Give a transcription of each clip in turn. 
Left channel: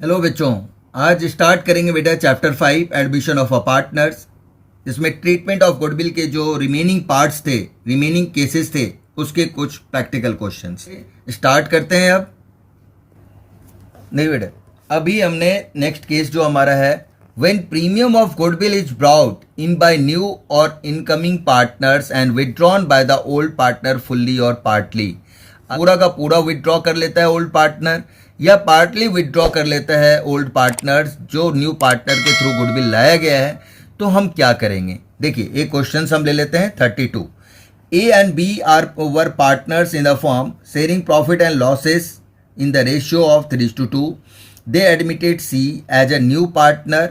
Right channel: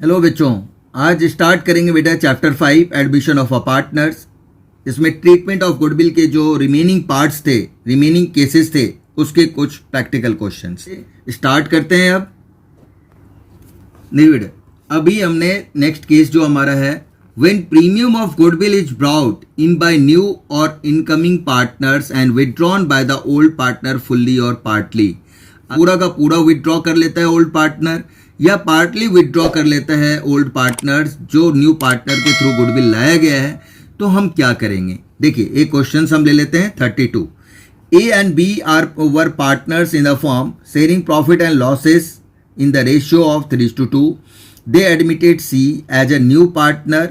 Hello बच्चों, आज start करेंगे बेटा chapter 5 admission of a partners. इसमें ट्रीटमेंट ऑफ गुडविल के जो रिमेनिंग पार्ट्स थे, रिमेनिंग केसेस थे, उसके कुछ प्रैक्टिकल क्वेश्चंस स्टार्ट करते हैं। अब नहीं बेटा, अभी हमने नेक्स्ट केस जो हमारा है, when premium of goodwill is brought in by new और incoming partners and withdrawn by the old partner fully और पार्टली। पूरा का पूरा विदड्रॉ कर लेता है ओल्ड पार्टनर या पार्टली विदड्रॉ कर लेता है ओल्ड पार्टनर्स जो न्यू पार्टनर के थ्रू गुडविल लाया गया है, तो हम क्या करेंगे। देखिए, एक क्वेश्चन हम ले लेते हैं 32। A and B are were partners in the form sharing profit and losses in the ratio of 3:2. They admitted C as a new partner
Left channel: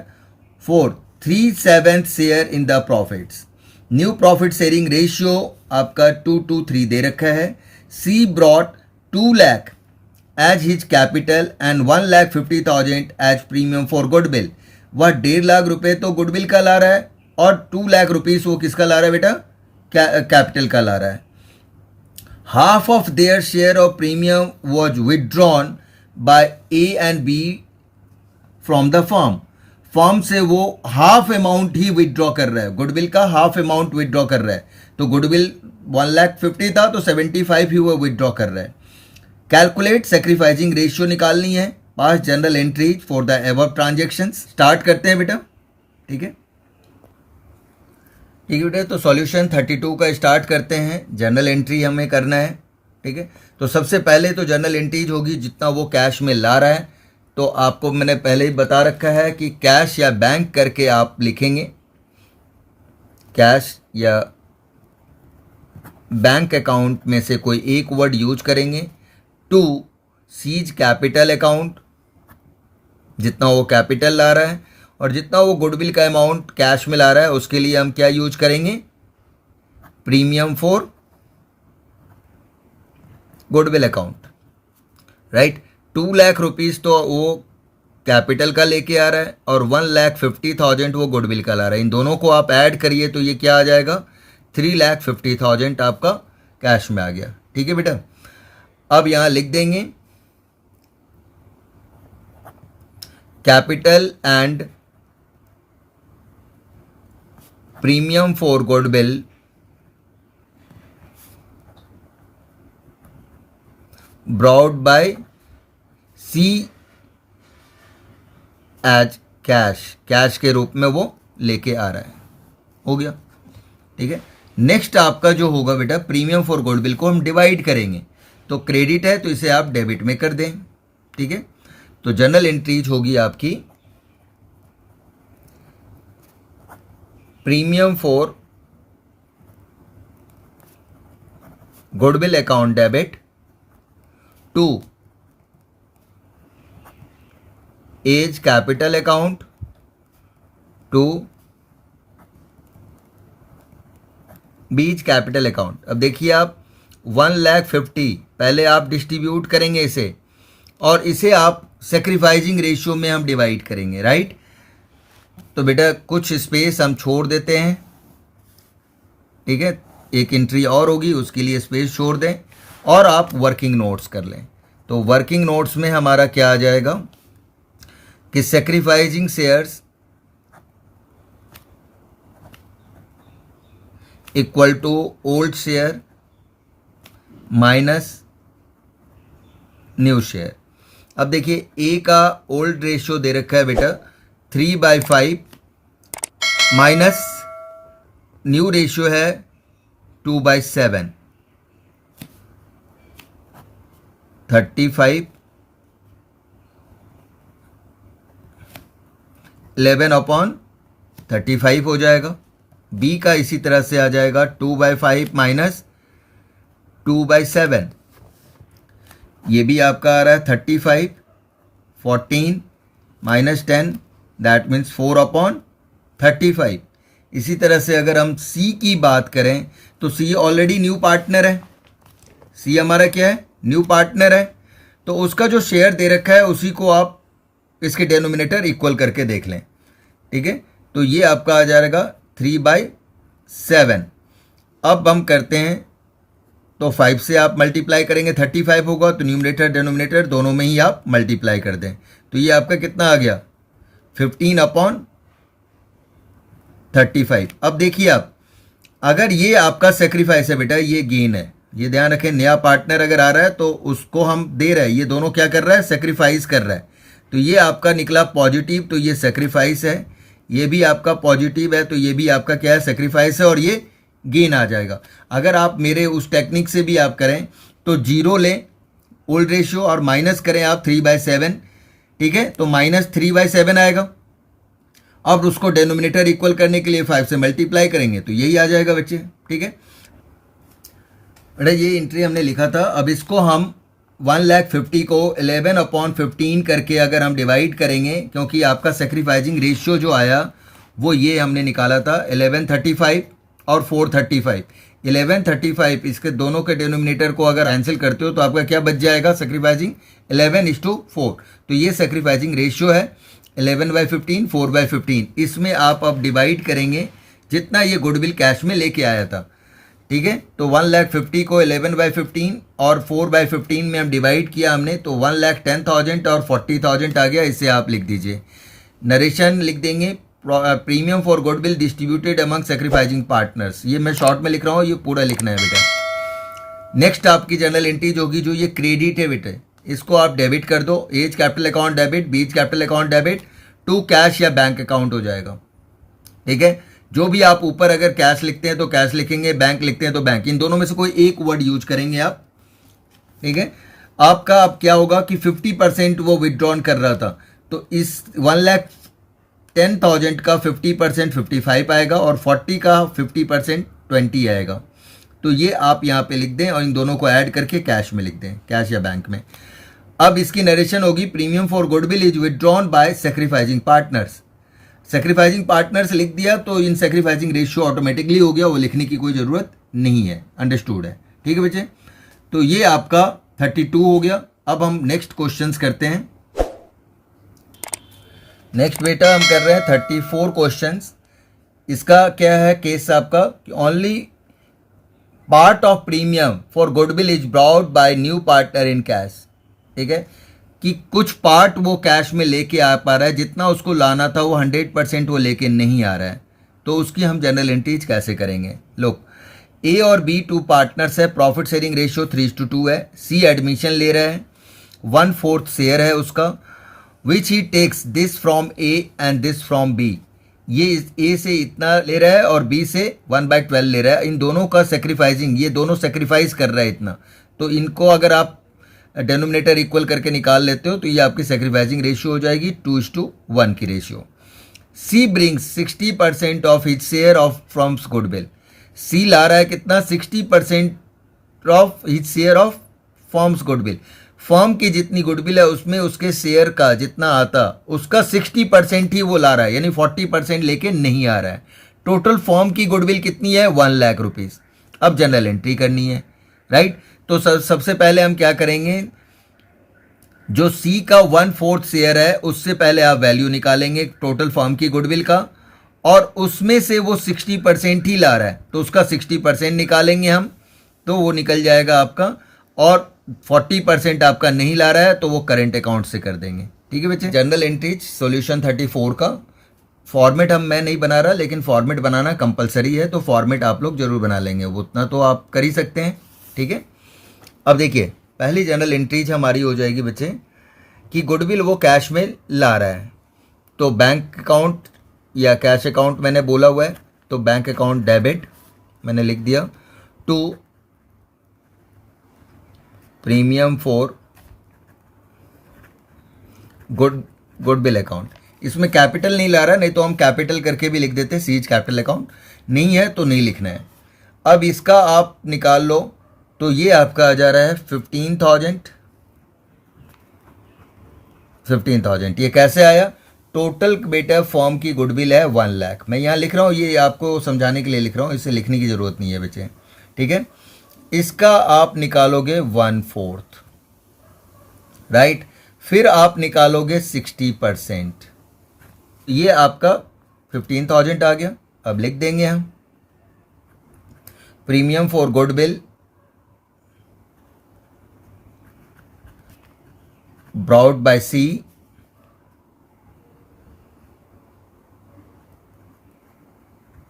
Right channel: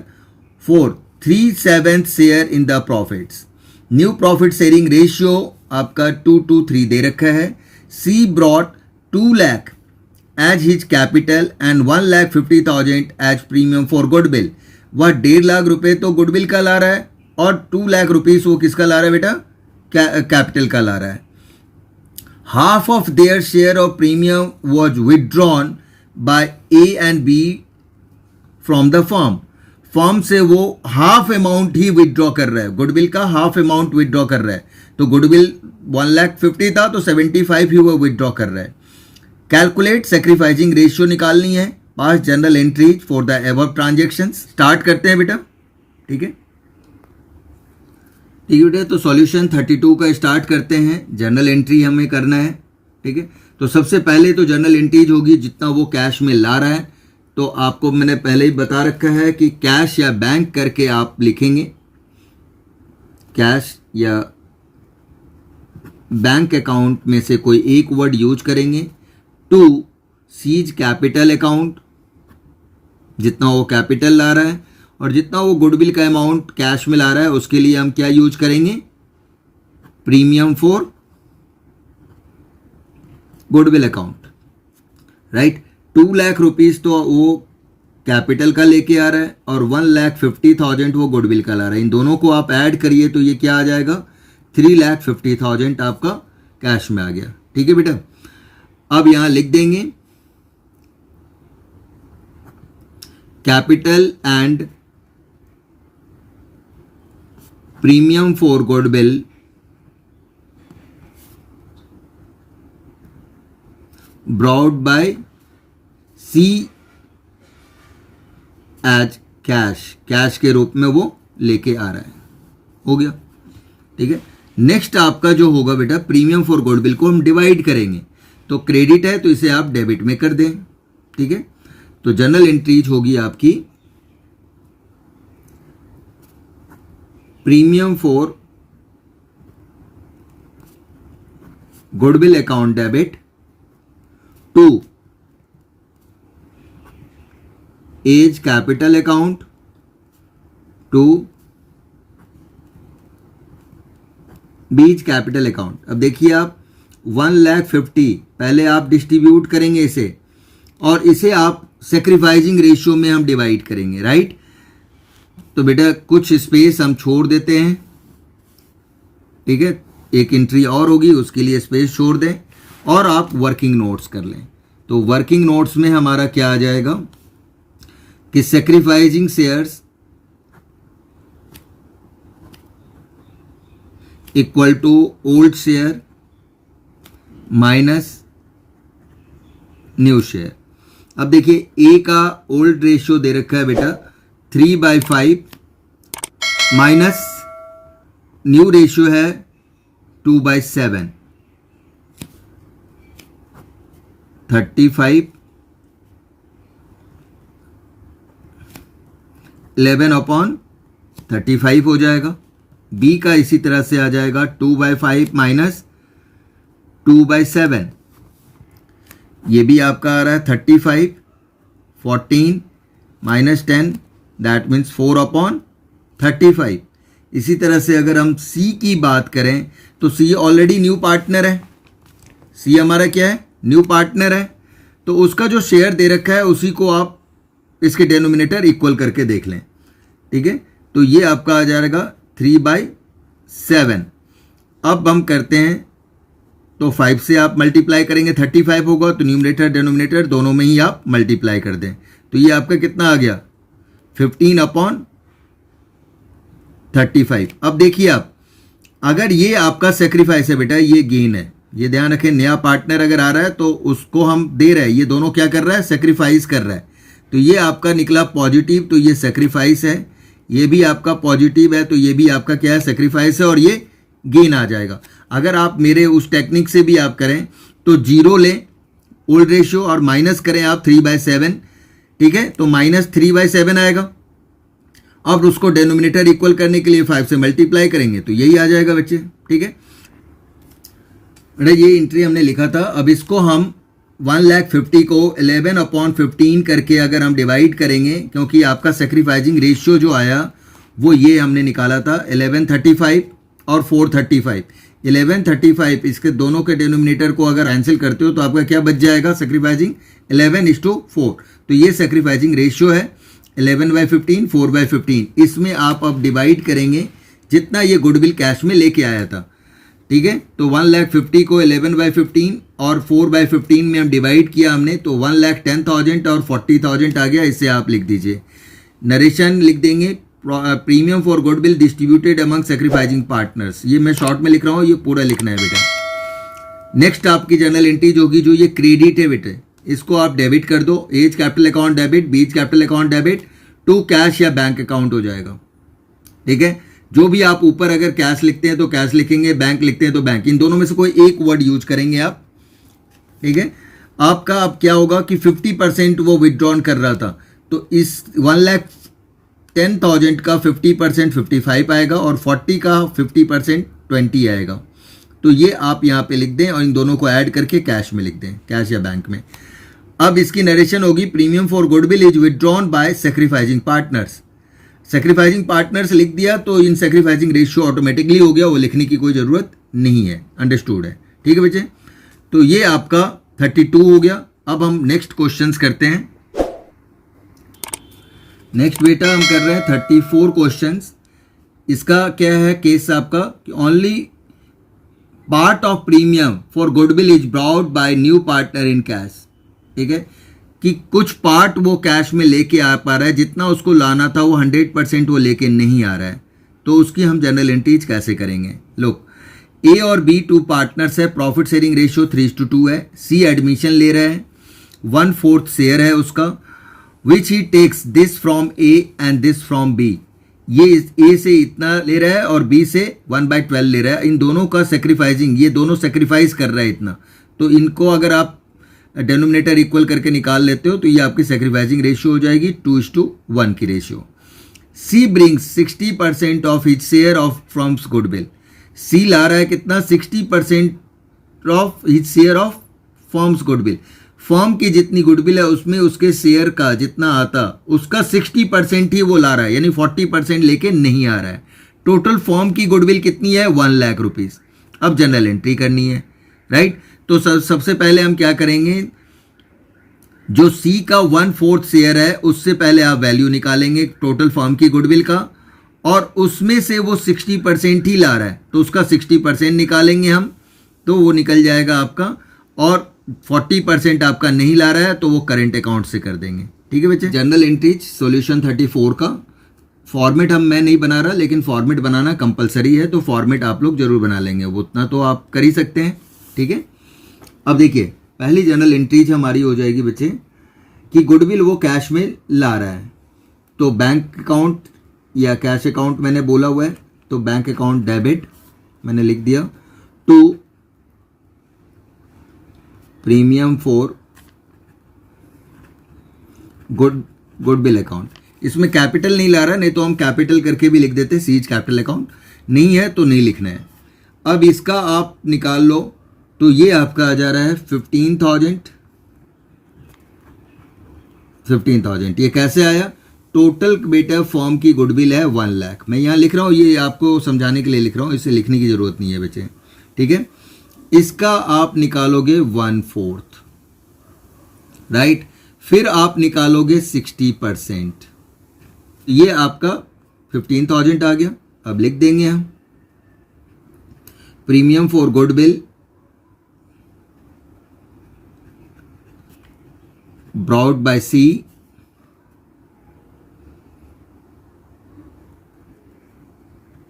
for 3/7 share in the profits. New profit sharing ratio आपका 2:3 दे रखा है। C brought 2 lakh as his capital and 1,50,000 as premium for goodwill. वह 1.5 लाख रुपए तो goodwill का ला रहा है और 2 लाख रुपीस वो किसका ला रहा है बेटा, कैपिटल का ला रहा है। Half of their share of premium was withdrawn by A and B from the firm. Form से वो हाफ अमाउंट ही विदड्रॉ कर रहा है, गुडविल का हाफ अमाउंट विदड्रॉ कर रहा है। तो गुडविल 1,50,000 था तो 75 ही वो विदड्रॉ कर रहा है। कैलकुलेट सेक्रीफाइसिंग रेशियो निकालनी है। Pass journal entries for the above transaction. Start करते हैं बेटा, ठीक है। ठीक है बेटा, तो सॉल्यूशन 32 का स्टार्ट करते हैं। जनरल एंट्री हमें करना है, ठीक है। तो सबसे पहले तो जनरल एंट्रीज होगी जितना वो कैश में ला रहा है। तो आपको मैंने पहले ही बता रखा है कि कैश या बैंक करके आप लिखेंगे, कैश या बैंक अकाउंट में से कोई एक वर्ड यूज करेंगे। 2 सीज कैपिटल अकाउंट, जितना वो कैपिटल ला रहा है और जितना वो गुडविल का अमाउंट कैश में ला रहा है उसके लिए हम क्या यूज करेंगे, premium for goodwill account, right. 2 lakh rupees तो वो कैपिटल का लेके आ रहा है और 1,50,000 वो गुडविल का ला रहा है। इन दोनों को आप ऐड करिए तो ये क्या आ जाएगा, 3,50,000 आपका कैश में आ गया, ठीक है बेटा। अब यहां लिख देंगे capital and premium for goodwill brought by C as cash, cash के रूप में वो लेके आ रहा है। हो गया, ठीक है। नेक्स्ट आपका जो होगा बेटा, प्रीमियम फॉर गुडविल को हम डिवाइड करेंगे। तो क्रेडिट है तो इसे आप डेबिट में कर दें, ठीक है। तो जनरल एंट्रीज होगी आपकी premium for goodwill account debit to A's capital account to B's capital account. अब देखिए आप 1,50,000 पहले आप डिस्ट्रीब्यूट करेंगे इसे और इसे आप सेक्रीफाइसिंग रेशियो में हम डिवाइड करेंगे, राइट। तो बेटा कुछ स्पेस हम छोड़ देते हैं, ठीक है। एक एंट्री और होगी उसके लिए स्पेस छोड़ दें और आप वर्किंग नोट्स कर लें। तो वर्किंग नोट्स में हमारा क्या आ जाएगा कि sacrificing shares equal to old share minus new share. अब देखिए ए का ओल्ड रेशियो दे रखा है बेटा 3/5 माइनस न्यू रेशियो है 2/7, 35 11/35 हो जाएगा। बी का इसी तरह से आ जाएगा 2/5 माइनस 2/7, ये भी आपका आ रहा है 35, 14 माइनस 10 दैट मीन्स 4/35। इसी तरह से अगर हम सी की बात करें तो सी ऑलरेडी न्यू पार्टनर है, सी हमारा क्या है, न्यू पार्टनर है। तो उसका जो शेयर दे रखा है उसी को आप इसके डेनोमिनेटर इक्वल करके देख लें, ठीक है। तो ये आपका आ जाएगा 3/7। अब हम करते हैं तो 5 से आप मल्टीप्लाई करेंगे 35 होगा, तो न्यूमरेटर डिनोमिनेटर दोनों में ही आप मल्टीप्लाई कर दें तो ये आपका कितना आ गया 15/35। अब देखिए आप, अगर ये आपका सेक्रीफाइस है बेटा, ये गेन है, ये ध्यान रखें, नया पार्टनर अगर आ रहा है तो उसको हम दे रहे हैं, ये दोनों क्या कर रहा है, सेक्रीफाइस कर रहा है, तो ये आपका निकला पॉजिटिव, तो ये सेक्रीफाइस है, ये भी आपका पॉजिटिव है, तो ये भी आपका क्या है, सेक्रीफाइस है, और ये गेन आ जाएगा। अगर आप मेरे उस टेक्निक से भी आप करें तो 0 लें ओल्ड रेशियो और माइनस करें आप 3/7, ठीक है, तो -3/7 आएगा। अब उसको डेनोमिनेटर इक्वल करने के लिए 5 से मल्टीप्लाई करेंगे तो यही आ जाएगा बच्चे, ठीक है। अरे ये एंट्री हमने लिखा था। अब इसको हम 1,50,000 को 11/15 करके अगर हम डिवाइड करेंगे, क्योंकि आपका सेक्रीफाइसिंग रेशियो जो आया वो ये हमने निकाला था 1135 और 435। 1135 इसके दोनों के डिनोमिनेटर को अगर कैंसिल करते हो तो आपका क्या बच जाएगा, सेक्रीफाइसिंग 11:4। तो ये सेक्रीफाइसिंग रेशियो है 11/15, 4/15। इसमें आप अब डिवाइड करेंगे जितना ये गुडविल कैश में लेके आया था, ठीक है। तो 1,50,000 को 11/15 और 4/15 में हम डिवाइड किया हमने, तो 1,10,000 और 40,000 आ गया। इसे आप लिख दीजिए, नरेशन लिख देंगे, premium for goodwill distributed among sacrificing partners. ये मैं शॉर्ट में लिख रहा हूँ, ये पूरा लिखना है बेटा। नेक्स्ट आपकी जर्नल एंट्रीज होगी जो ये क्रेडिट है बेटे, इसको आप डेबिट कर दो, A's capital account debit, B's capital account debit to cash या बैंक अकाउंट हो जाएगा, ठीक है। जो भी आप ऊपर अगर कैश लिखते हैं तो कैश लिखेंगे, बैंक लिखते हैं तो बैंक, इन दोनों में से कोई एक वर्ड यूज करेंगे आप, ठीक है। आपका अब क्या होगा कि 50% वो विदड्रॉन कर रहा था, तो इस 1,10,000 का 50% 55 आएगा और 40 का 50% 20 आएगा। तो ये आप यहाँ पे लिख दें और इन दोनों को ऐड करके कैश में लिख दें, कैश या बैंक में। अब इसकी नरेशन होगी, premium for goodwill is withdrawn by sacrificing partners. Sacrificing partners लिख दिया तो इन सेक्रीफाइसिंग रेशियो ऑटोमेटिकली हो गया, वो लिखने की कोई ज़रूरत नहीं है, अंडरस्टूड है, ठीक है बच्चे। तो ये आपका 32 हो गया। अब हम नेक्स्ट क्वेश्चंस करते हैं। नेक्स्ट बेटा हम कर रहे हैं 34 क्वेश्चंस। इसका क्या है केस आपका, only part of premium for goodwill is brought by new partner in cash, ठीक है, कि कुछ पार्ट वो कैश में लेके आ पा रहा है, जितना उसको लाना था वो 100% वो लेके नहीं आ रहा है, तो उसकी हम जनरल एंट्रीज कैसे करेंगे। लोग ए और बी 2 पार्टनर्स है, प्रॉफिट शेयरिंग रेशियो 3:2 है, सी एडमिशन ले रहा है, 1/4 शेयर है उसका, which he takes this from A and this from B, ये ए से इतना ले रहा है और बी से 1/12 ले रहा है। इन दोनों का सेक्रीफाइसिंग, ये दोनों सेक्रीफाइस कर रहा है इतना, तो इनको अगर आप डेनोमिनेटर इक्वल करके निकाल लेते हो तो ये आपकी सेक्रीफाइसिंग रेशियो हो जाएगी 2:1 की ratio. C brings 60% of his share of firm's goodwill, C ला रहा है कितना, 60% of his share of firm's goodwill. Firm की जितनी गुडविल है उसमें उसके शेयर का जितना आता उसका 60% ही वो ला रहा है, यानी 40% लेके नहीं आ रहा है। टोटल फॉर्म की गुडविल कितनी है, 1,00,000 रुपीज। अब जनरल एंट्री करनी है, राइट। तो सबसे पहले हम क्या करेंगे, जो सी का 1/4 शेयर है उससे पहले आप वैल्यू निकालेंगे टोटल फॉर्म की गुडविल का, और उसमें से वो 60% ही ला रहा है तो उसका 60% निकालेंगे हम, तो वो निकल जाएगा आपका, और 40% आपका नहीं ला रहा है तो वो करंट अकाउंट से कर देंगे, ठीक है बच्चे। जनरल एंट्रीज सॉल्यूशन 34 का फॉर्मेट मैं नहीं बना रहा, लेकिन फॉर्मेट बनाना कंपलसरी है, तो फॉर्मेट आप लोग जरूर बना लेंगे, वो उतना तो आप कर ही सकते हैं, ठीक है। अब देखिए पहली जनरल एंट्रीज हमारी हो जाएगी बच्चे कि गुडविल वो कैश में ला रहा है, तो बैंक अकाउंट या कैश अकाउंट मैंने बोला हुआ है, तो बैंक अकाउंट डेबिट मैंने लिख दिया, to premium for goodwill account. इसमें कैपिटल नहीं ला रहा, नहीं तो हम कैपिटल करके भी लिख देते, सीज कैपिटल अकाउंट, नहीं है तो नहीं लिखना है। अब इसका आप निकाल लो, तो ये आपका आ जा रहा है 15,000। ये कैसे आया, टोटल बेटा फॉर्म की गुडविल है 1,00,000। मैं यहाँ लिख रहा हूँ, ये आपको समझाने के लिए लिख रहा हूँ, इसे लिखने की ज़रूरत नहीं है बच्चे, ठीक है। इसका आप निकालोगे 1/4, राइट, फिर आप निकालोगे 60%, ये आपका 15,000 आ गया। अब लिख देंगे हम premium for goodwill brought by C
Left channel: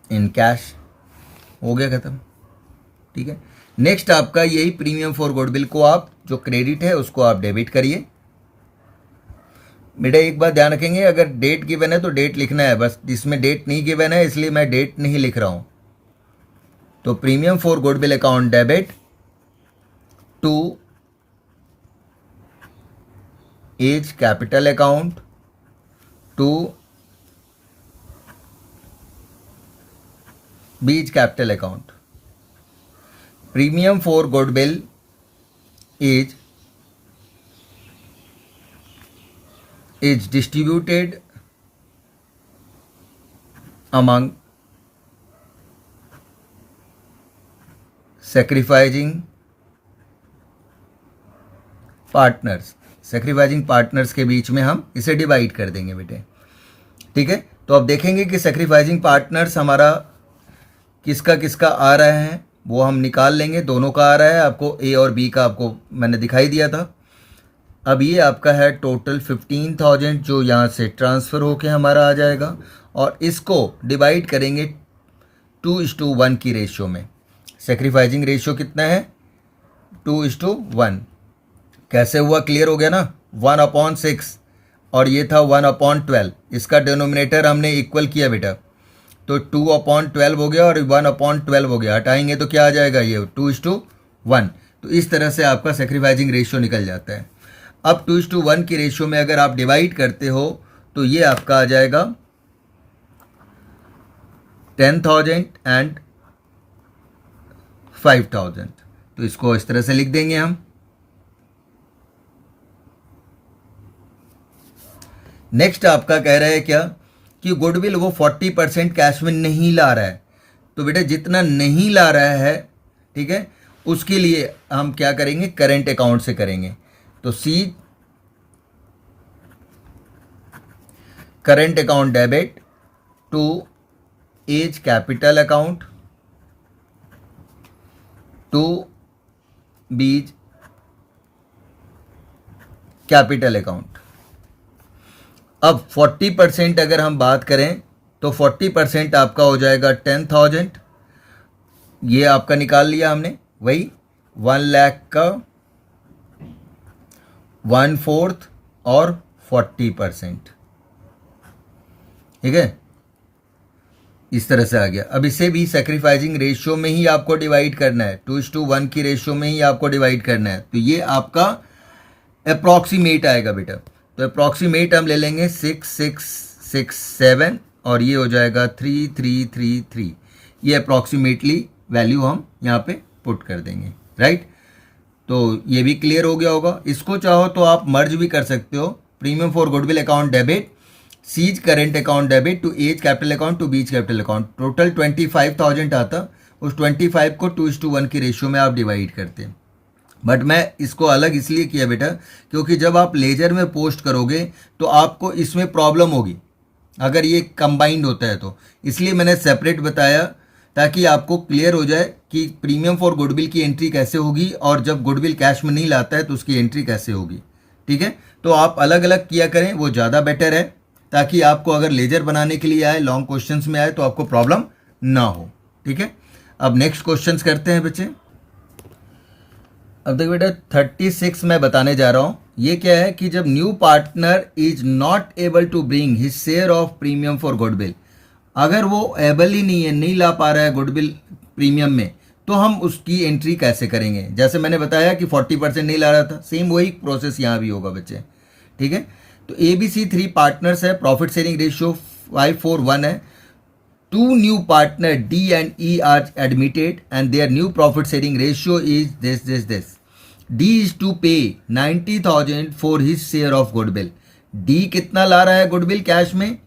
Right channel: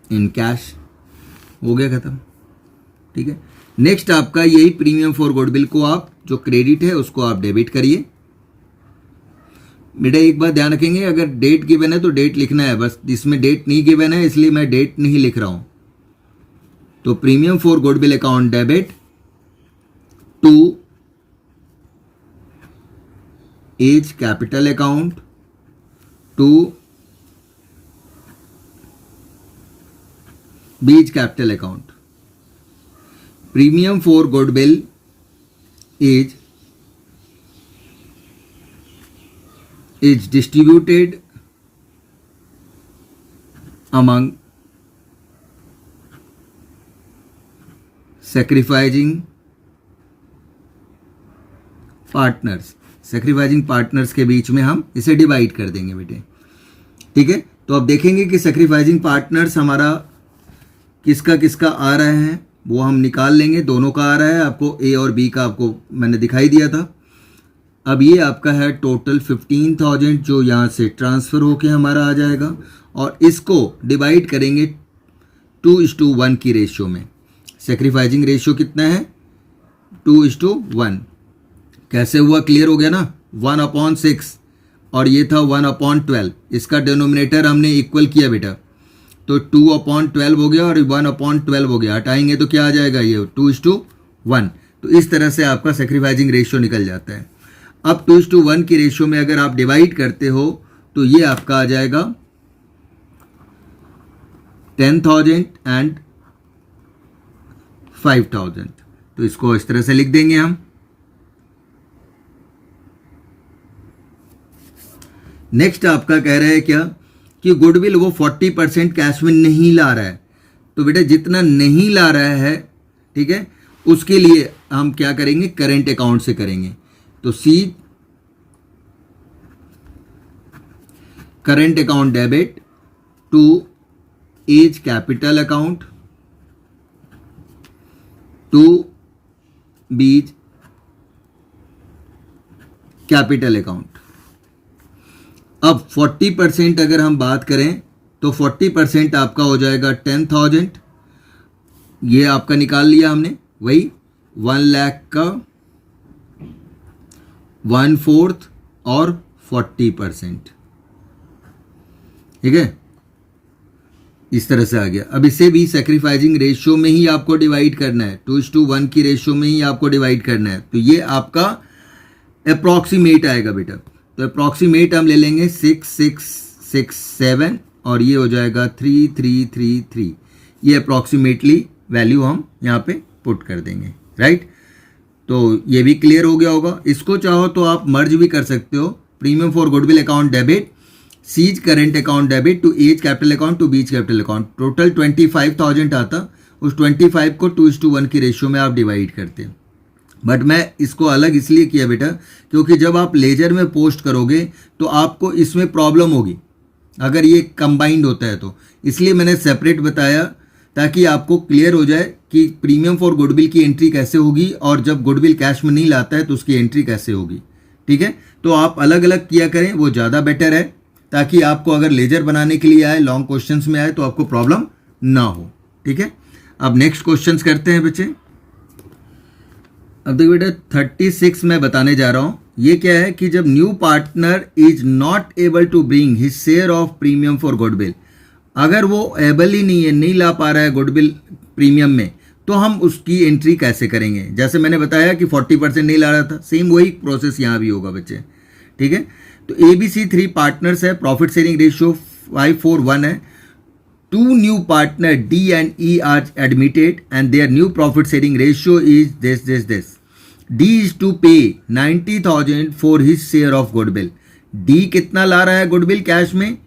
in cash, हो गया खत्म। ठीक है, नेक्स्ट आपका यही प्रीमियम फॉर गुडविल को आप जो क्रेडिट है उसको आप डेबिट करिए। बेटा एक बात ध्यान रखेंगे, अगर डेट गिवन है तो डेट लिखना है, बस इसमें डेट नहीं गिवन है इसलिए मैं डेट नहीं लिख रहा हूं। तो premium for goodwill account debit to A's capital account to B's capital account. Premium for goodwill is distributed among sacrificing partners. Sacrificing partners के बीच में हम इसे डिवाइड कर देंगे बेटे। ठीक है, तो अब देखेंगे कि सैक्रिफाइसिंग पार्टनर्स हमारा किसका किसका आ रहा है, वो हम निकाल लेंगे। दोनों का आ रहा है, आपको ए और बी का आपको मैंने दिखाई दिया था। अब ये आपका है टोटल 15,000 जो यहाँ से ट्रांसफ़र होके हमारा आ जाएगा, और इसको डिवाइड करेंगे 2:1 की रेशियो में। सैक्रिफाइसिंग रेशियो कितना है? 2:1। कैसे हुआ, क्लियर हो गया ना? 1/6 और ये था 1/12। इसका डिनोमिनेटर हमने इक्वल किया बेटा, तो 2/12 हो गया और 1/12 हो गया। हटाएंगे तो क्या आ जाएगा, ये 2:1। तो इस तरह से आपका सैक्रिफाइसिंग रेशियो निकल जाता है। अब 2:1 की रेशियो में अगर आप डिवाइड करते हो तो ये आपका आ जाएगा 10,000 एंड 5,000। तो इसको इस तरह से लिख देंगे हम। नेक्स्ट आपका कह रहा है क्या कि गुडविल वो 40% कैश में नहीं ला रहा है। तो बेटा जितना नहीं ला रहा है, ठीक है, उसके लिए हम क्या करेंगे, करंट अकाउंट से करेंगे। तो C current account debit to A's capital account to B's capital account. अब 40% अगर हम बात करें तो 40% आपका हो जाएगा 10,000। ये आपका निकाल लिया हमने, वही 1 लाख का 1/4 और 40%। ठीक है, इस तरह से आ गया। अब इसे भी सैक्रिफाइसिंग रेशियो में ही आपको डिवाइड करना है, 2:1 की रेशियो में ही आपको डिवाइड करना है। तो ये आपका अप्रॉक्सीमेट आएगा बेटा। तो अप्रॉक्सीमेट हम ले लेंगे 6,667 और ये हो जाएगा 3,333। ये अप्रॉक्सीमेटली वैल्यू हम यहाँ पे पुट कर देंगे, राइट। तो ये भी क्लियर हो गया होगा। इसको चाहो तो आप मर्ज भी कर सकते हो। Premium for goodwill account debit C's current account debit to A's capital account to B's capital account. Total 25,000 आता, उस 25 को 2:1 की रेशियो में आप डिवाइड करते हैं। बट मैं इसको अलग इसलिए किया बेटा क्योंकि जब आप लेजर में पोस्ट करोगे तो आपको इसमें प्रॉब्लम होगी अगर ये कंबाइंड होता है तो, इसलिए मैंने सेपरेट बताया ताकि आपको क्लियर हो जाए कि प्रीमियम फॉर गुडविल की एंट्री कैसे होगी और जब गुडविल कैश में नहीं लाता है तो उसकी एंट्री कैसे होगी। ठीक है, तो आप अलग अलग किया करें, वो ज़्यादा बेटर है, ताकि आपको अगर लेजर बनाने के लिए आए, लॉन्ग क्वेश्चंस में आए तो आपको प्रॉब्लम ना हो। ठीक है, अब नेक्स्ट क्वेश्चंस करते हैं बच्चे। अब देखो बेटा 36 मैं बताने जा रहा हूं। ये क्या है कि जब new partner is not able to bring his share of premium for goodwill, अगर वो एबल ही नहीं है, नहीं ला पा रहा है गुडविल प्रीमियम में, तो हम उसकी एंट्री कैसे करेंगे। जैसे मैंने बताया कि 40% नहीं ला रहा था, सेम वही प्रोसेस यहाँ भी होगा बच्चे। ठीक है, तो ABC 3 पार्टनर्स है, प्रॉफिट शेयरिंग रेशियो 5:1 है। 2 new partner D and E are admitted and their new profit sharing ratio is this. D is to pay 90,000 for his share of goodwill. D कितना ला रहा है गुडविल कैश में?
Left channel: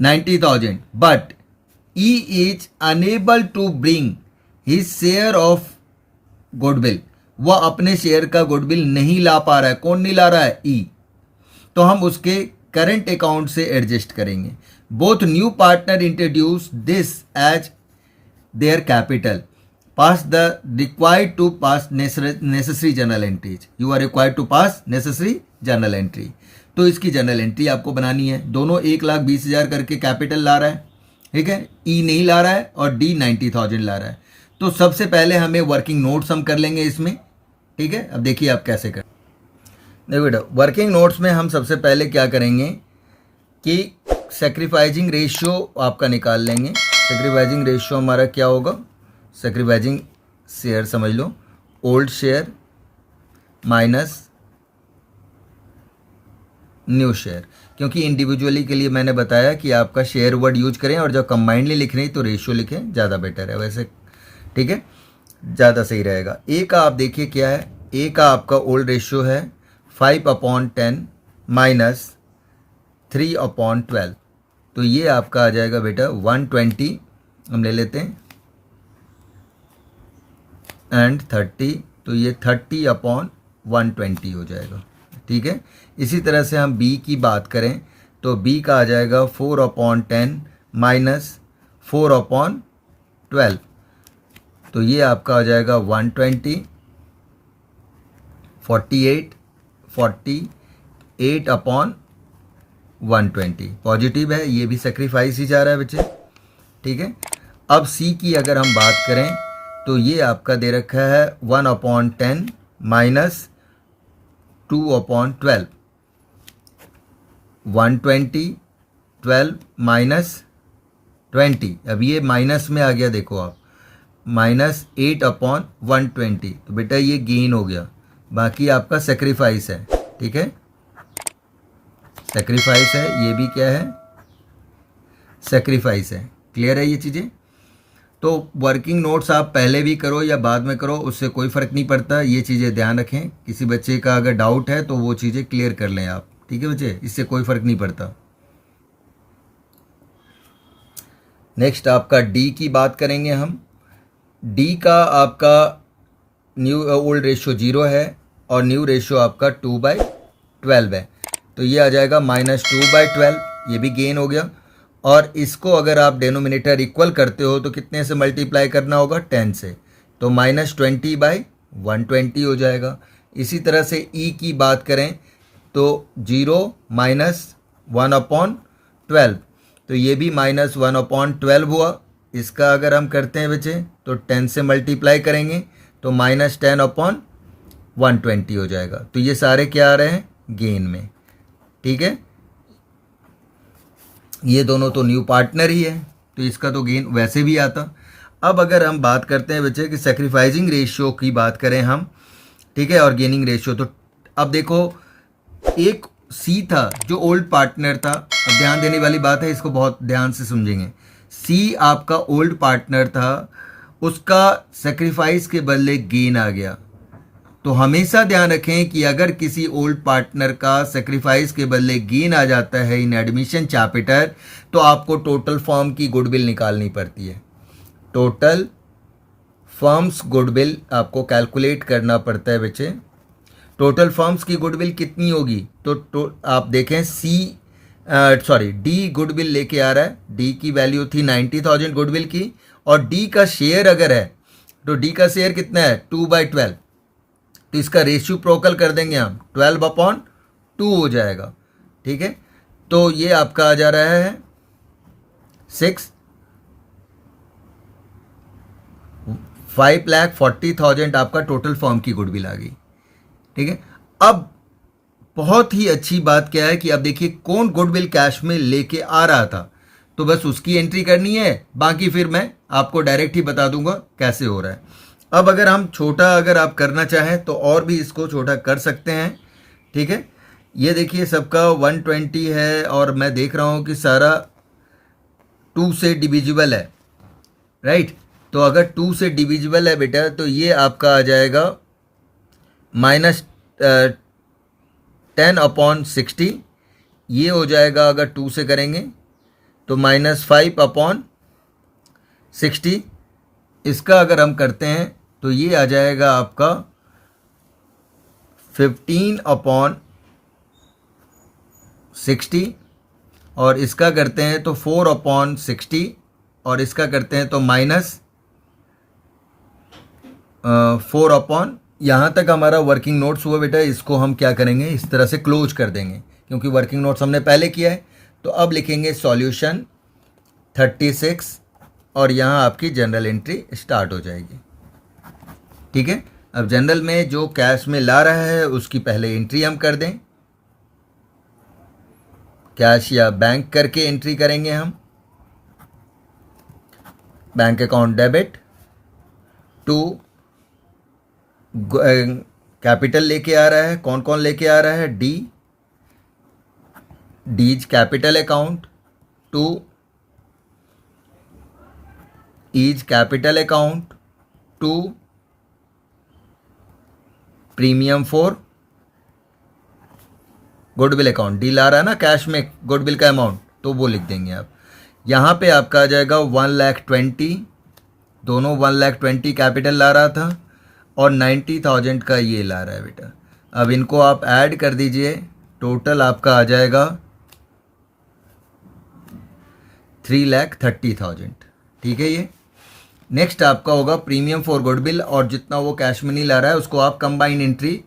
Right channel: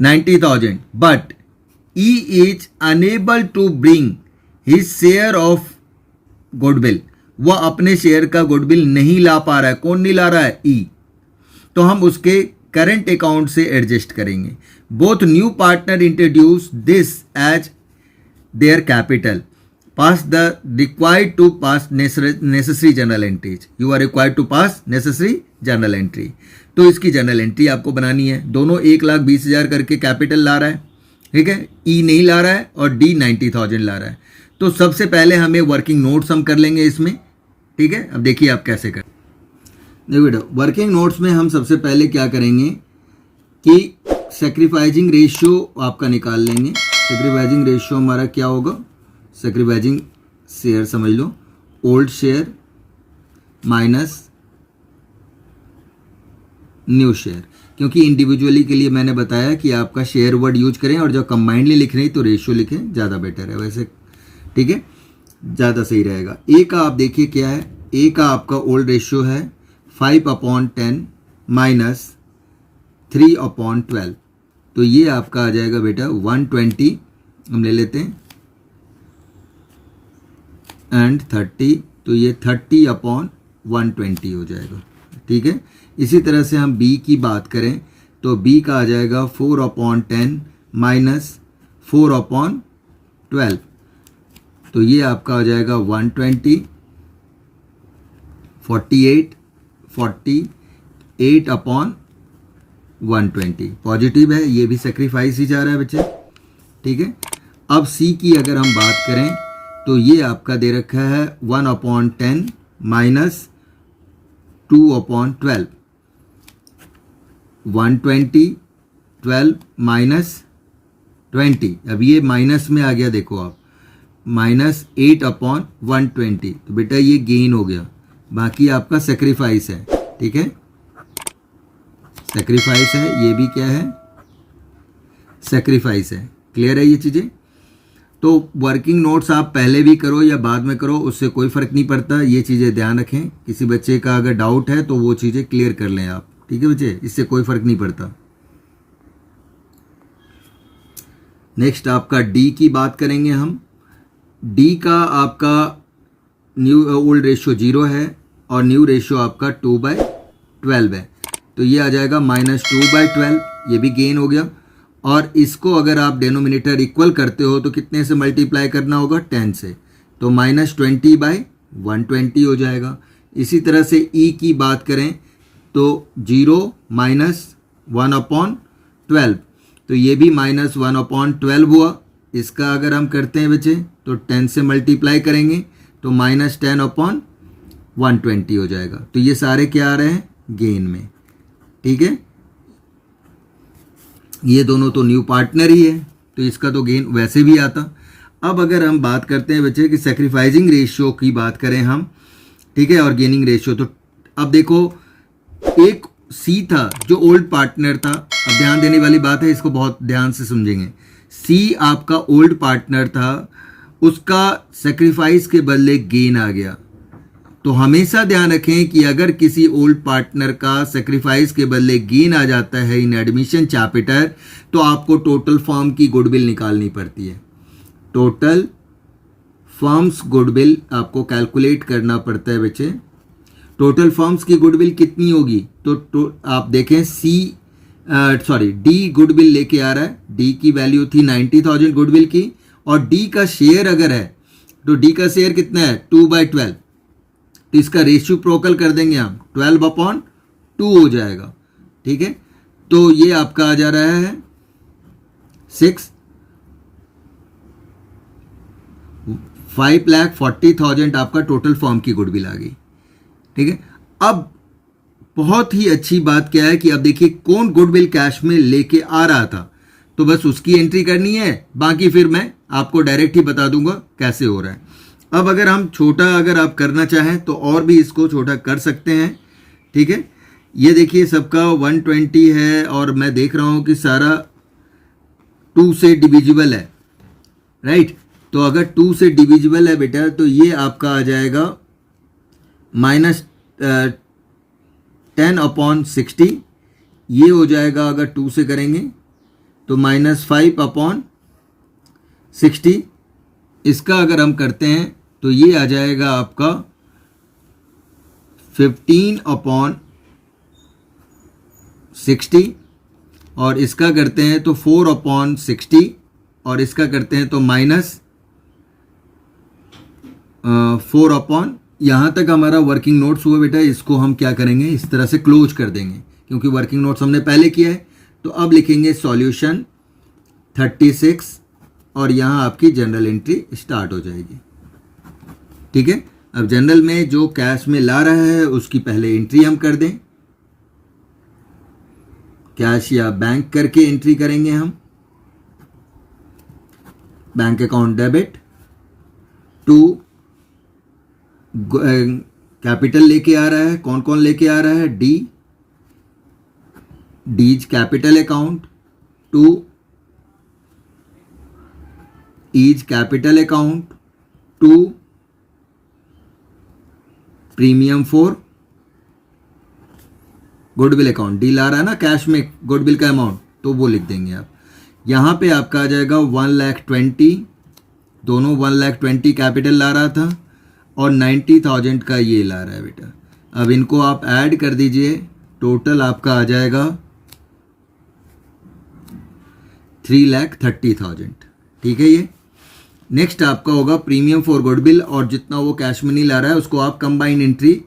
90,000. But E is unable to bring his share of goodwill. वह अपने share का goodwill नहीं ला पा रहा है। कौन नहीं ला रहा है? E. तो हम उसके करंट अकाउंट से एडजस्ट करेंगे। Both new partner introduce this as their capital. Pass the required to pass necessary journal entries. You are required to pass necessary journal entry. तो इसकी जर्नल एंट्री आपको बनानी है। दोनों 1,20,000 करके कैपिटल ला रहा है, ठीक है, ई नहीं ला रहा है और डी 90,000 ला रहा है। तो सबसे पहले हमें वर्किंग नोट्स हम कर लेंगे इसमें। ठीक है, अब देखिए आप कैसे कर। देखो बेटा, वर्किंग नोट्स में हम सबसे पहले क्या करेंगे कि सेक्रीफाइजिंग रेशियो आपका निकाल लेंगे। सेक्रीफाइजिंग रेशियो हमारा क्या होगा, सेक्रीफाइजिंग शेयर समझ लो, old share minus new share. क्योंकि इंडिविजुअली के लिए मैंने बताया कि आपका शेयर वर्ड यूज करें और जब कंबाइंडली लिख रहे हैं तो रेशियो लिखें, ज़्यादा बेटर है वैसे। ठीक है, ज़्यादा सही रहेगा। ए का आप देखिए क्या है, ए का आपका ओल्ड रेशियो है 5/10 माइनस 3/12। तो ये आपका आ जाएगा बेटा 120, हम ले लेते हैं, एंड 30, तो ये 30/120 हो जाएगा। ठीक है, इसी तरह से हम बी की बात करें तो बी का आ जाएगा 4/10 माइनस 4/12। तो ये आपका आ जाएगा 120, 48, 48/120। पॉजिटिव है, ये भी सेक्रीफाइस ही जा रहा है बच्चे। ठीक है, अब सी की अगर हम बात करें तो ये आपका दे रखा है 1/10 माइनस 2/12। 120, 12 माइनस 20, अब ये माइनस में आ गया, देखो आप, माइनस 8/120। तो बेटा ये गेन हो गया, बाकी आपका सेक्रीफाइस है। ठीक है, सेक्रीफाइस है, ये भी क्या है, सेक्रीफाइस है। क्लियर है ये चीज़ें। तो वर्किंग नोट्स आप पहले भी करो या बाद में करो, उससे कोई फ़र्क नहीं पड़ता, ये चीज़ें ध्यान रखें। किसी बच्चे का अगर डाउट है तो वो चीज़ें क्लियर कर लें आप। ठीक है बच्चे, इससे कोई फ़र्क नहीं पड़ता। नेक्स्ट आपका डी की बात करेंगे हम। डी का आपका न्यू ओल्ड रेशियो 0 है और न्यू रेशियो आपका 2/12 है। तो ये आ जाएगा -2/12, ये भी गेन हो गया। और इसको अगर आप डेनोमिनेटर इक्वल करते हो तो कितने से मल्टीप्लाई करना होगा, 10 से, तो -20/120 हो जाएगा। इसी तरह से ई की बात करें तो 0 माइनस 1/12, तो ये भी -1/12 हुआ। इसका अगर हम करते हैं बच्चे तो 10 से मल्टीप्लाई करेंगे तो -10/120 हो जाएगा। तो ये सारे क्या आ रहे हैं, गेन में। ठीक है, ये दोनों तो न्यू पार्टनर ही है, तो इसका तो गेन वैसे भी आता। अब अगर हम बात करते हैं बच्चे कि सेक्रीफाइजिंग रेशियो की बात करें हम, ठीक है, और गेनिंग रेशियो, तो अब देखो एक सी था जो ओल्ड पार्टनर था। अब ध्यान देने वाली बात है, इसको बहुत ध्यान से समझेंगे। सी आपका ओल्ड पार्टनर था, उसका सेक्रीफाइस के बदले गेन आ गया। तो हमेशा ध्यान रखें कि अगर किसी ओल्ड पार्टनर का सेक्रीफाइस के बदले गेन आ जाता है इन एडमिशन चैप्टर, तो आपको टोटल फर्म की गुडविल निकालनी पड़ती है। टोटल फर्म्स गुडविल आपको कैलकुलेट करना पड़ता है बच्चे। टोटल फर्म्स की गुडविल कितनी होगी, तो आप देखें डी गुडविल लेके आ रहा है। डी की वैल्यू थी 90,000 गुडविल की, और डी का शेयर अगर है तो डी का शेयर कितना है, 2/12। तो इसका रेशियो प्रोकल कर देंगे हम, 12/2 हो जाएगा। ठीक है, तो ये आपका आ जा रहा है 5,40,000 आपका टोटल फर्म की गुडविल आ गई। ठीक है, अब बहुत ही अच्छी बात क्या है कि अब देखिए कौन गुडविल कैश में लेके आ रहा था, तो बस उसकी एंट्री करनी है, बाकी फिर मैं आपको डायरेक्ट ही बता दूंगा कैसे हो रहा है। अब अगर हम छोटा अगर आप करना चाहें तो और भी इसको छोटा कर सकते हैं। ठीक है, ये देखिए सबका 120 है और मैं देख रहा हूं कि सारा 2 से डिविजिबल है, राइट। तो अगर 2 से डिविजिबल है बेटा तो ये आपका आ जाएगा -10/60। ये हो जाएगा अगर 2 से करेंगे तो -5/60। इसका अगर हम करते हैं तो ये आ जाएगा आपका 15/60, और इसका करते हैं तो 4/60, और इसका करते हैं तो -4/, यहाँ तक हमारा वर्किंग नोट्स हुआ बेटा। इसको हम क्या करेंगे, इस तरह से क्लोज कर देंगे, क्योंकि वर्किंग नोट्स हमने पहले किया है। तो अब लिखेंगे सॉल्यूशन 36 और यहाँ आपकी जनरल एंट्री स्टार्ट हो जाएगी। ठीक है, अब जनरल में जो कैश में ला रहा है उसकी पहले एंट्री हम कर दें, कैश या बैंक करके एंट्री करेंगे हम। Bank account debit to capital लेके आ रहा है, कौन कौन लेके आ रहा है, D's capital account to E's capital account to premium for goodwill account. D ला रहा है ना कैश में गुडविल का अमाउंट, तो वो लिख देंगे आप। यहाँ पे आपका आ जाएगा 1,20,000, दोनों 1,20,000 कैपिटल ला रहा था और 90,000 का ये ला रहा है बेटा। अब इनको आप ऐड कर दीजिए, टोटल आपका आ जाएगा 3,30,000। ठीक है, ये नेक्स्ट आपका होगा प्रीमियम फॉर गुडविल, और जितना वो कैश में नहीं ला रहा है उसको आप कंबाइंड एंट्री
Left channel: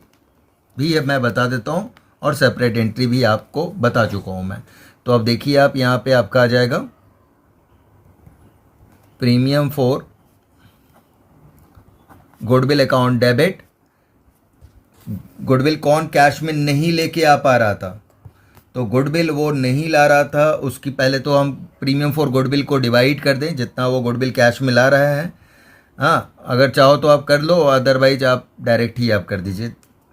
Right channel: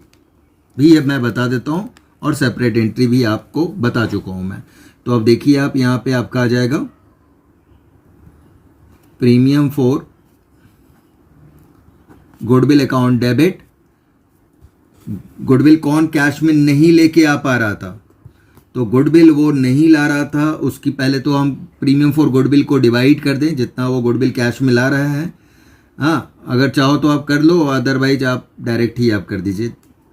भी मैं बता देता हूँ और सेपरेट एंट्री भी आपको बता चुका हूँ मैं। तो अब देखिए आप यहाँ पे आपका आ जाएगा premium for goodwill account debit. Goodwill कौन कैश में नहीं लेके आ पा रहा था, तो गुडविल वो नहीं ला रहा था, उसकी पहले तो हम प्रीमियम फॉर गुडविल को डिवाइड कर दें जितना वो गुडविल कैश में ला रहा है। हाँ, अगर चाहो तो आप कर लो, अदरवाइज आप डायरेक्ट ही आप कर दीजिए।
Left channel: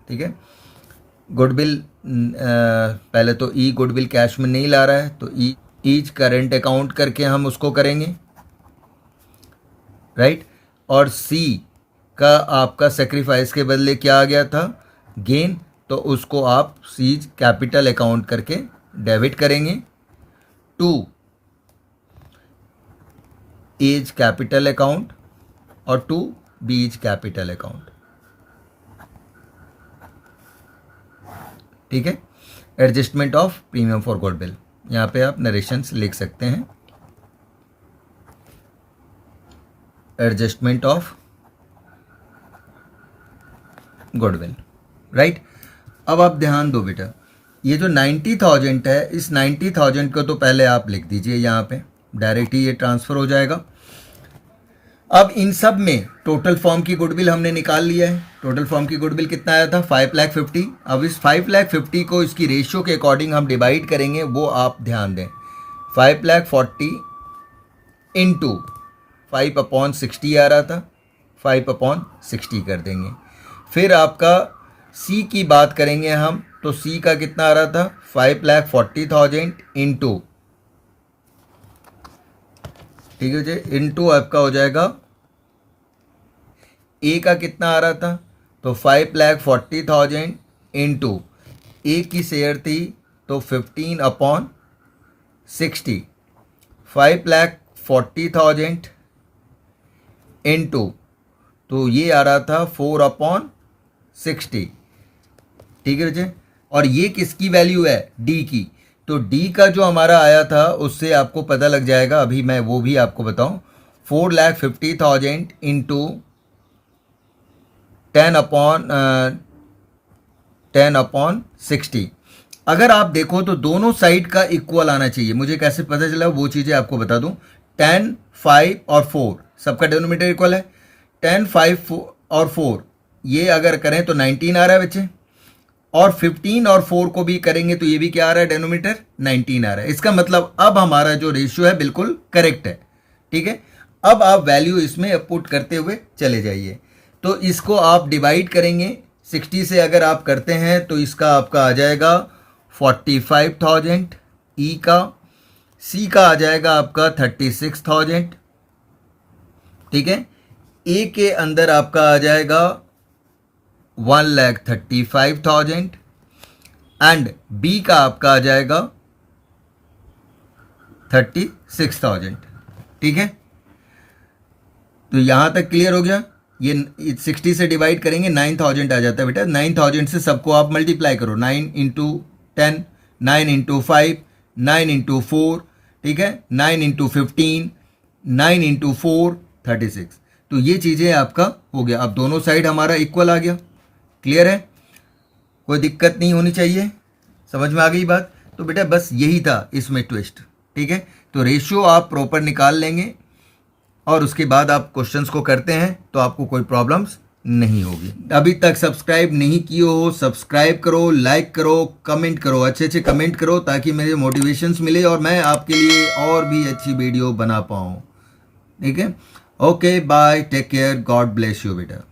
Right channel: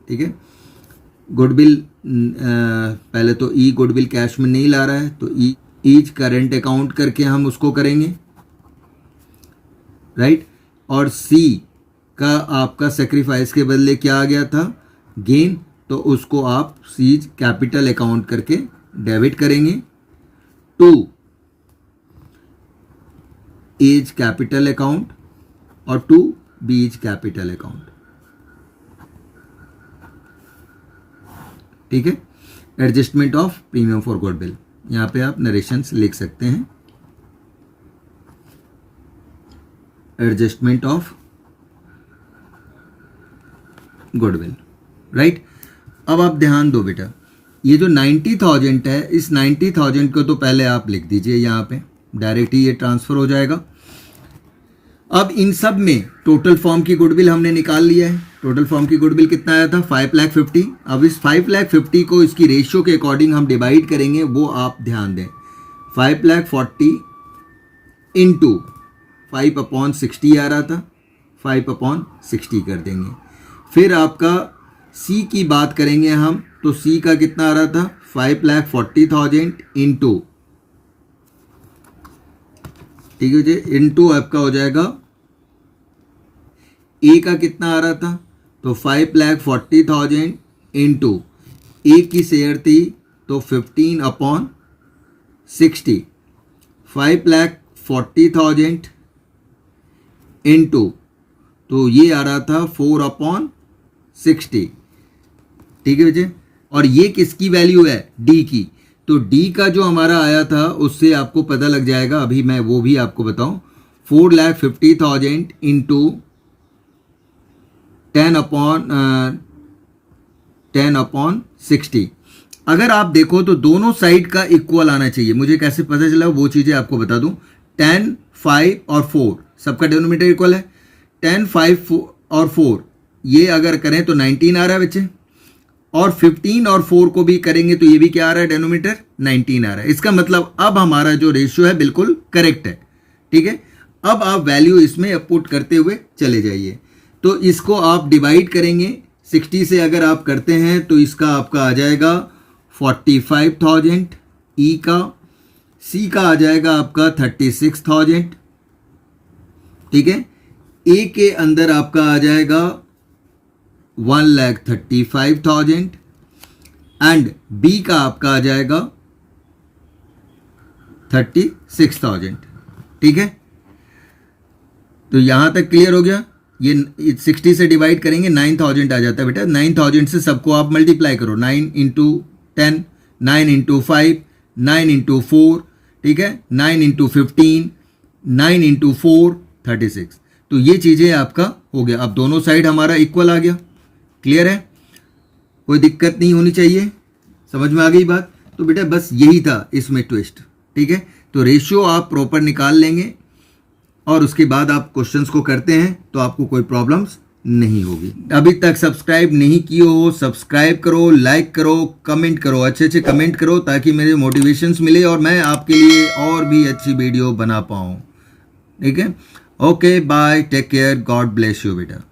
ठीक है, गुडविल पहले तो ई गुडविल कैश में नहीं ला रहा है, तो ईच करेंट अकाउंट करके हम उसको करेंगे, राइट। और सी का आपका सेक्रीफाइस के बदले क्या आ गया था, गेन, तो उसको आप सीज कैपिटल अकाउंट करके डेबिट करेंगे टू एज कैपिटल अकाउंट और टू बीज कैपिटल अकाउंट। ठीक है, adjustment of premium for goodwill, यहाँ पे आप नरेशंस लिख सकते हैं, एडजस्टमेंट ऑफ गुडविल, राइट। अब आप ध्यान दो बेटा, ये जो 90,000 है, इस 90,000 को तो पहले आप लिख दीजिए यहाँ पे, डायरेक्ट ही ये ट्रांसफर हो जाएगा। अब इन सब में टोटल फॉर्म की गुडविल हमने निकाल लिया है। टोटल फॉर्म की गुडविल कितना आया था, 5,50,000। अब इस 5,50,000 को इसकी रेशियो के अकॉर्डिंग हम डिवाइड करेंगे, वो आप ध्यान दें। 5,40,000 इंटू 5/60 आ रहा था, 5/60 कर देंगे। फिर आपका सी की बात करेंगे हम, तो सी का कितना आ रहा था, 5,40,000 इंटू, ठीक है जी, इंटू आपका हो जाएगा ए का कितना आ रहा था, तो 5,40,000 इंटू ए की शेयर थी तो 15/60, 5,40,000 इंटू, तो ये आ रहा था 4/60। ठीक है बच्चे, और ये किसकी वैल्यू है, डी की। तो डी का जो हमारा आया था उससे आपको पता लग जाएगा, अभी मैं वो भी आपको बताऊं, 4,50,000 इंटू 10/60। अगर आप देखो तो दोनों साइड का इक्वल आना चाहिए। मुझे कैसे पता चला वो चीज़ें आपको बता दूं। 10, 5 और 4 सबका डिनोमिनेटर इक्वल है। 10, 5 और 4 ये अगर करें तो 19 आ रहा है बच्चे, और 15 और 4 को भी करेंगे तो ये भी क्या आ रहा है, डिनोमिनेटर 19 आ रहा है। इसका मतलब अब हमारा जो रेशियो है बिल्कुल करेक्ट है। ठीक है, अब आप वैल्यू इसमें पुट करते हुए चले जाइए। तो इसको आप डिवाइड करेंगे 60 से, अगर आप करते हैं तो इसका आपका आ जाएगा 45,000 ई का, सी का आ जाएगा आपका 36,000। ठीक है, ए के अंदर आपका आ जाएगा 1,35,000 एंड बी का आपका आ जाएगा 36,000। ठीक है, तो यहां तक क्लियर हो गया। ये 60 से डिवाइड करेंगे 9,000 आ जाता है बेटा। 9,000 से सबको आप मल्टीप्लाई करो, 9 इंटू 10, 9 इंटू 5, 9 इंटू 4, ठीक है, 9 इंटू 15, 9 इंटू 4, 36। तो ये चीज़ें आपका हो गया। अब दोनों साइड हमारा इक्वल आ गया। क्लियर है, कोई दिक्कत नहीं होनी चाहिए, समझ में आ गई बात। तो बेटा बस यही था इसमें ट्विस्ट। ठीक है, तो रेशियो आप प्रॉपर निकाल लेंगे और उसके बाद आप क्वेश्चंस को करते हैं तो आपको कोई प्रॉब्लम्स नहीं होगी। अभी तक सब्सक्राइब नहीं किए हो, सब्सक्राइब करो, लाइक करो, कमेंट करो, अच्छे अच्छे कमेंट करो ताकि मेरे मोटिवेशंस मिले और मैं आपके लिए और भी अच्छी वीडियो बना पाऊँ। ठीक है, okay bye, take care, God bless you बेटा।